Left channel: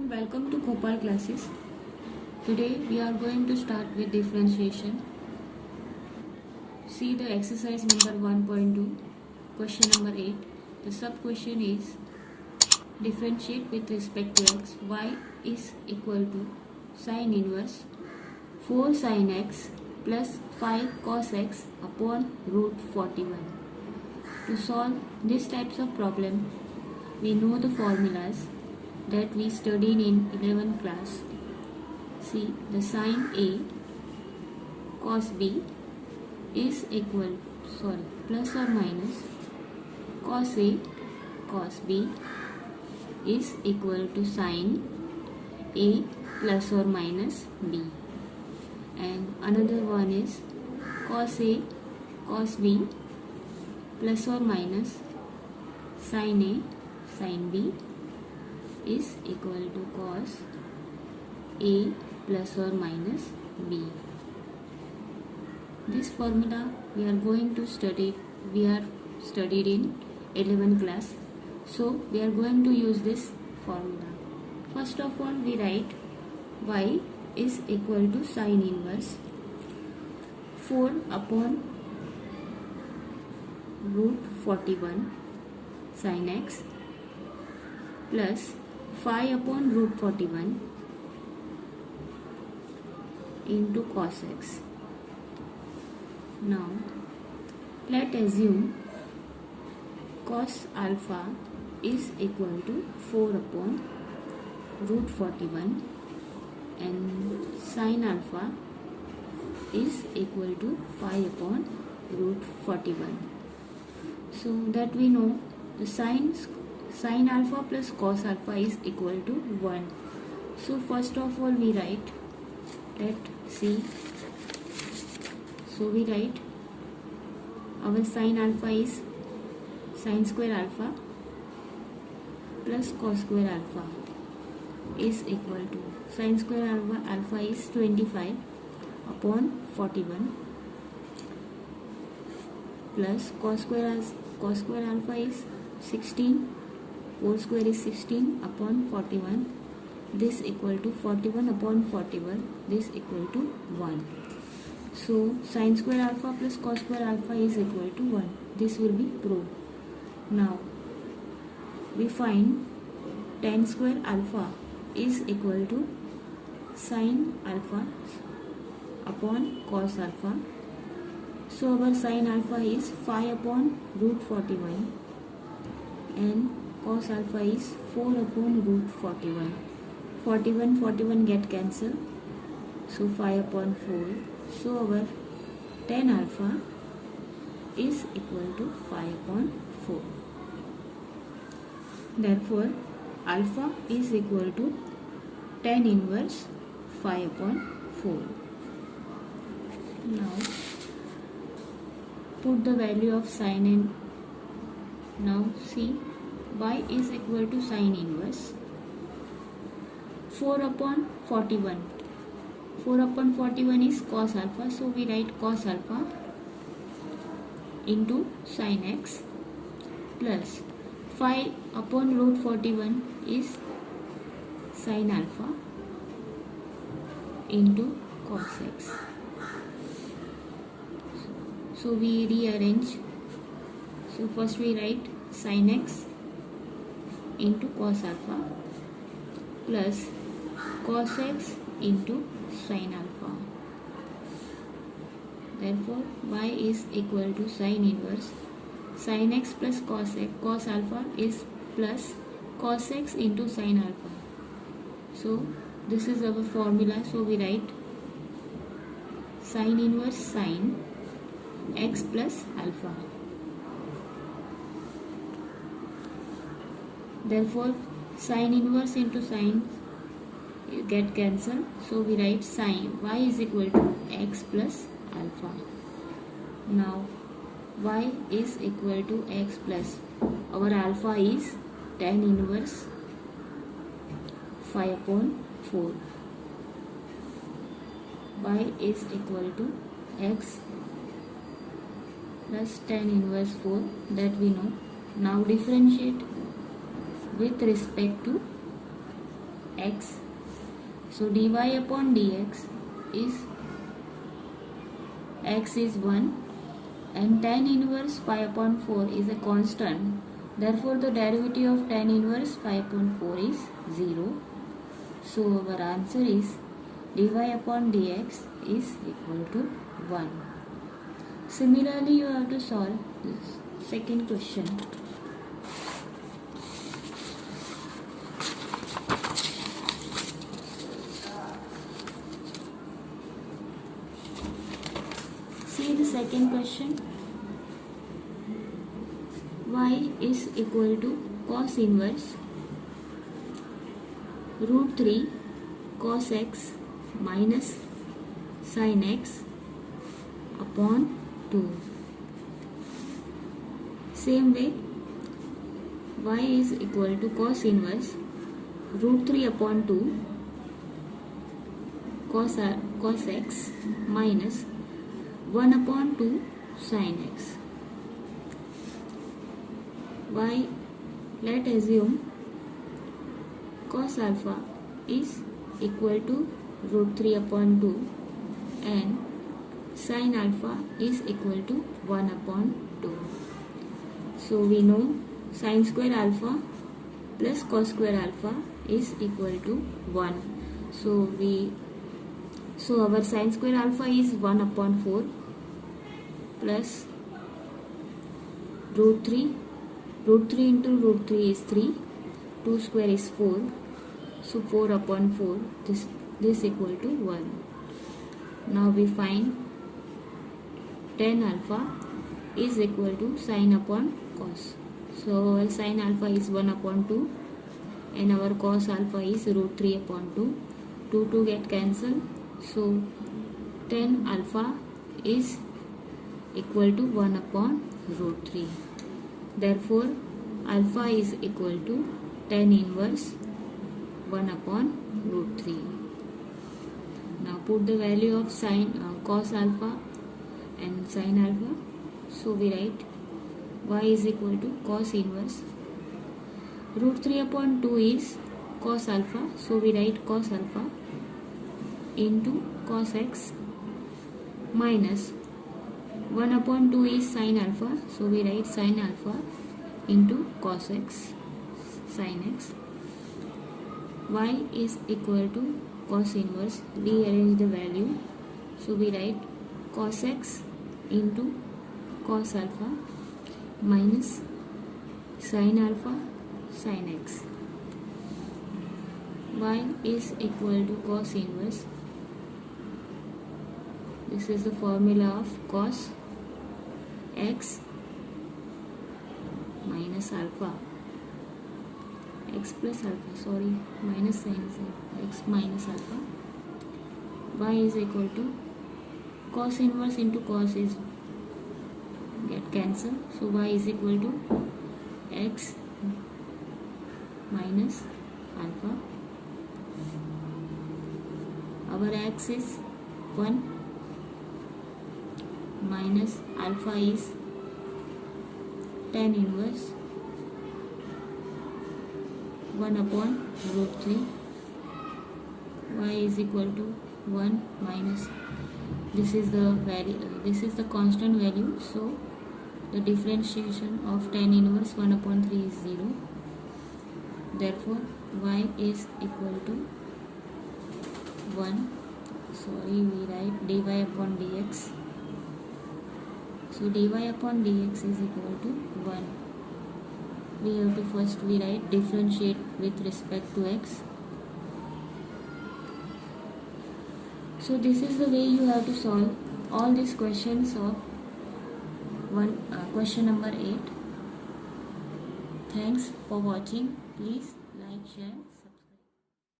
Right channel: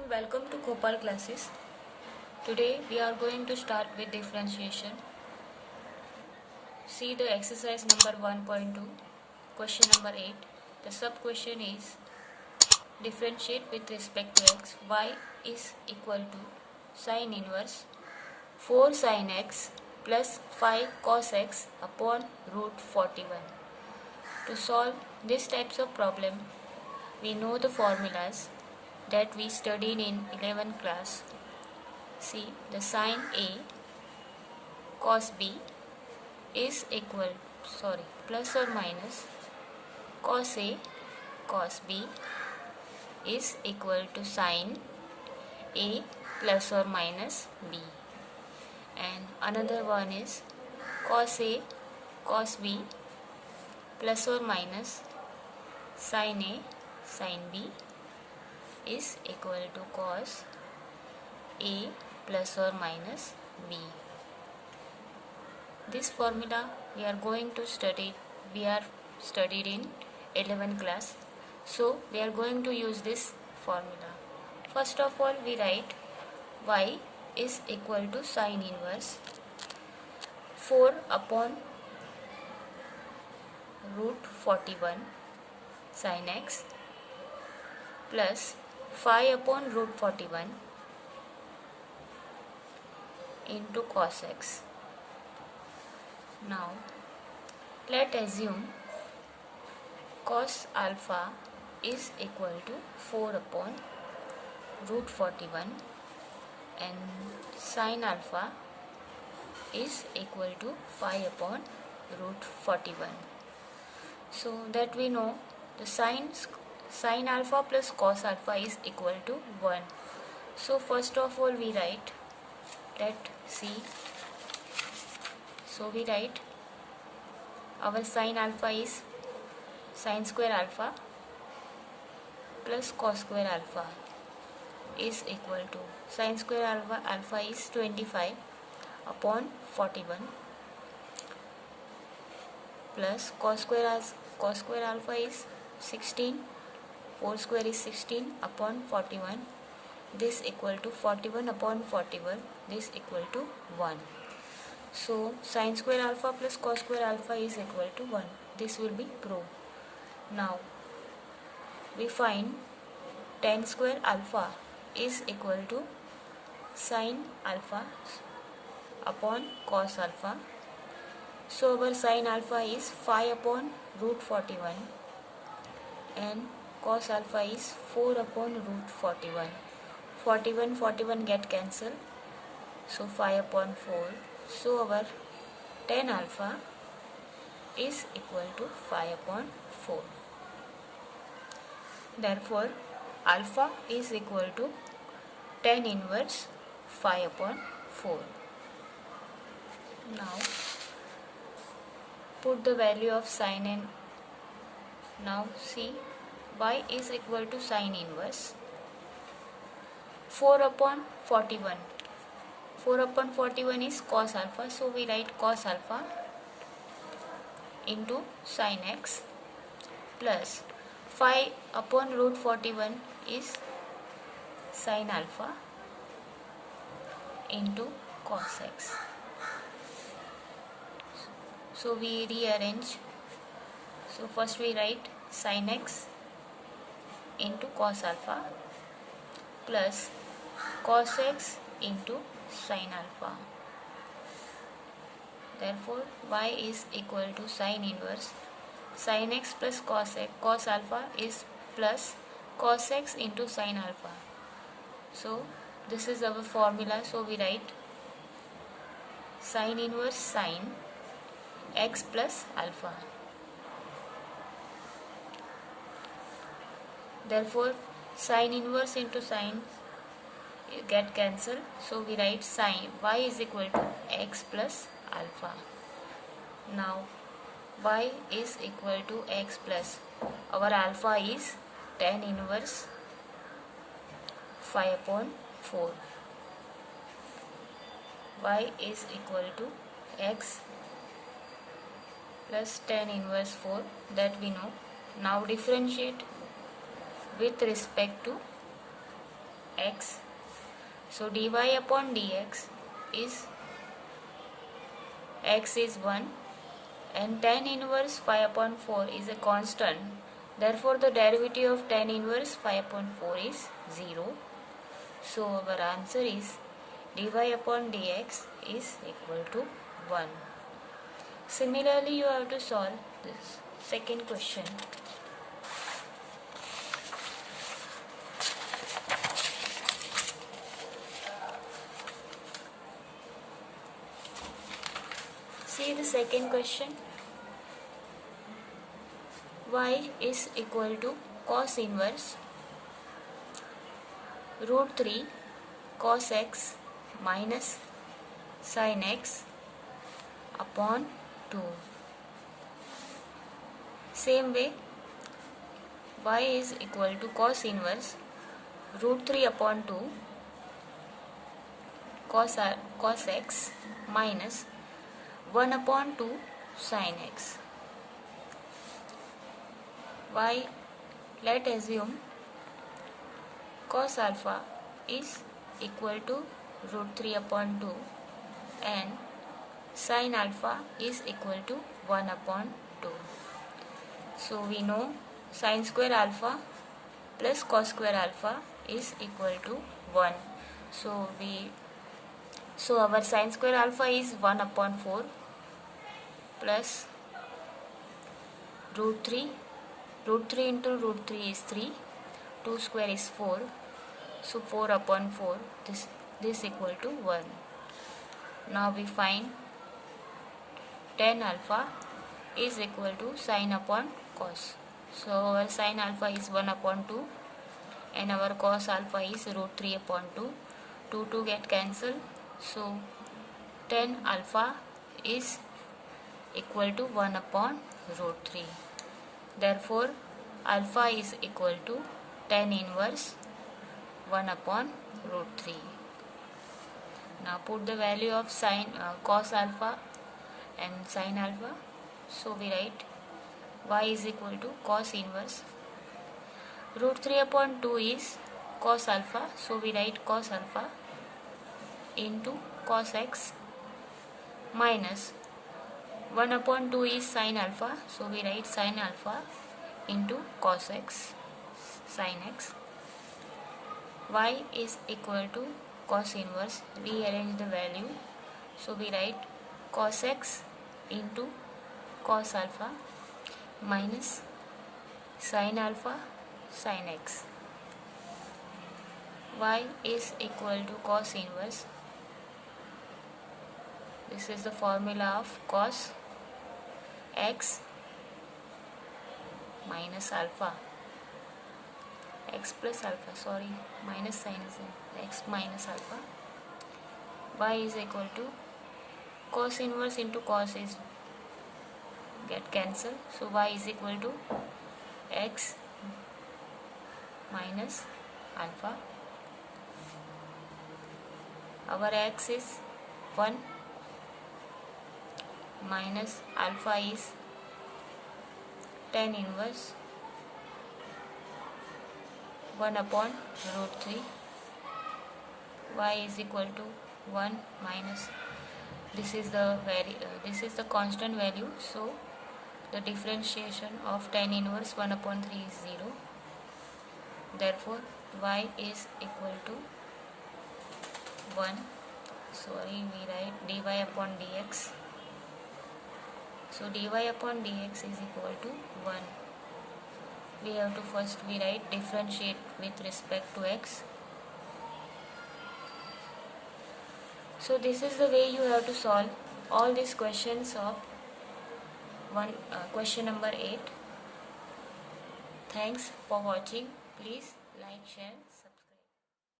and welcome to Gopal classes. Today we are going to start with differentiation. See the exercise number 1.2, question number 8. The sub question is differentiate with respect to x. Y is equal to sine inverse 4 sin x plus 5 cos x upon root 41. To solve these types of problem, we know the formulas that we studied in 11th class. See, the sine A cos B is plus or minus cos A cos B is equal to sine A plus or minus B. And another one is cos A cos B plus or minus sine A sin B is equal to cos A plus or minus B. This formula we are studied in 11th class. So we are going to use this formula. First of all, we write y is equal to sine inverse 4 upon root 41 sin x plus 5 upon root 41 into cos x. Now let assume cos alpha is equal to 4 upon root 41 and sin alpha is equal to 5 upon root 41. So that we know the sin alpha plus cos alpha is equal to 1. So first of all we write we write our sin alpha is sin square alpha plus cos square alpha is equal to sin square alpha is 25 upon 41 plus cos square alpha is 16, 4 square is 16 upon 41, this equal to 41 upon 41, this equal to 1. So sin square alpha plus cos square alpha is equal to 1. This will be proved. Now we find tan square alpha is equal to sin alpha upon cos alpha. So our sin alpha is 5 upon root 41 and cos alpha is 4 upon root 41. 41 get cancelled, so 5 upon 4. So our tan alpha is equal to 5 upon 4. Therefore alpha is equal to tan inverse 5 upon 4. Now put the value of sin in. Now see, y is equal to sin inverse 4 upon 41. 4 upon 41 is cos alpha, so we write cos alpha into sin x plus 5 upon root 41 is sin alpha into cos x. So we rearrange. So first we write sin x into cos alpha plus cos x into sin alpha. Therefore y is equal to sin inverse sin x plus cos alpha is plus cos x into sin alpha. So this is our formula. So we write sin inverse sin x plus alpha. Therefore sin inverse into sin get cancelled, so we write sin y is equal to x plus alpha. Now y is equal to x plus our alpha is tan inverse 5 upon 4. Y is equal to x plus tan inverse 4, that we know. Now differentiate with respect to x. So dy upon dx is x is 1 and tan inverse 5 upon 4 is a constant. Therefore the derivative of tan inverse 5 upon 4 is 0. So our answer is dy upon dx is equal to 1. Similarly, you have to solve this second question. See the second question. Y is equal to cos inverse root 3 cos x minus sin x upon 2. Same way, y is equal to cos inverse root 3 upon 2 cos x minus 1 upon 2 sin x. Y, let assume cos alpha is equal to root 3 upon 2 and sin alpha is equal to 1 upon 2. So we know sin square alpha plus cos square alpha is equal to 1. So our sin square alpha is 1 upon 4 plus root 3. Root 3 into root 3 is 3. 2 square is 4. So 4 upon 4, this equal to 1. Now we find tan alpha is equal to sin upon cos. So our sin alpha is 1 upon 2 and our cos alpha is root 3 upon 2. 2 get cancelled. So tan alpha is equal to 1 upon root 3. Therefore alpha is equal to tan inverse 1 upon root 3. Now put the value of cos alpha and sin alpha. So we write y is equal to cos inverse root 3 upon 2 is cos alpha. So we write cos alpha into cos x minus 1 upon 2 is sin alpha. So we write sin alpha into cos x sin x. Y is equal to cos inverse. Rearrange the value. So we write cos x into cos alpha minus sin alpha sin x. Y is equal to cos inverse. This is the formula of cos x minus alpha, x plus alpha, minus sin x minus alpha. Y is equal to cos inverse into cos is get cancelled. So y is equal to x minus alpha. Our x is 1 minus alpha is tan inverse 1 upon root 3. Y is equal to 1 minus, this is the constant value. So the differentiation of tan inverse 1 upon 3 is 0. Therefore y is equal to 1. We write dy upon dx. So dy upon dx is equal to 1. We have to first write differentiate with respect to x. So this is the way you have to solve all these questions of question number 8. Thanks for watching. Please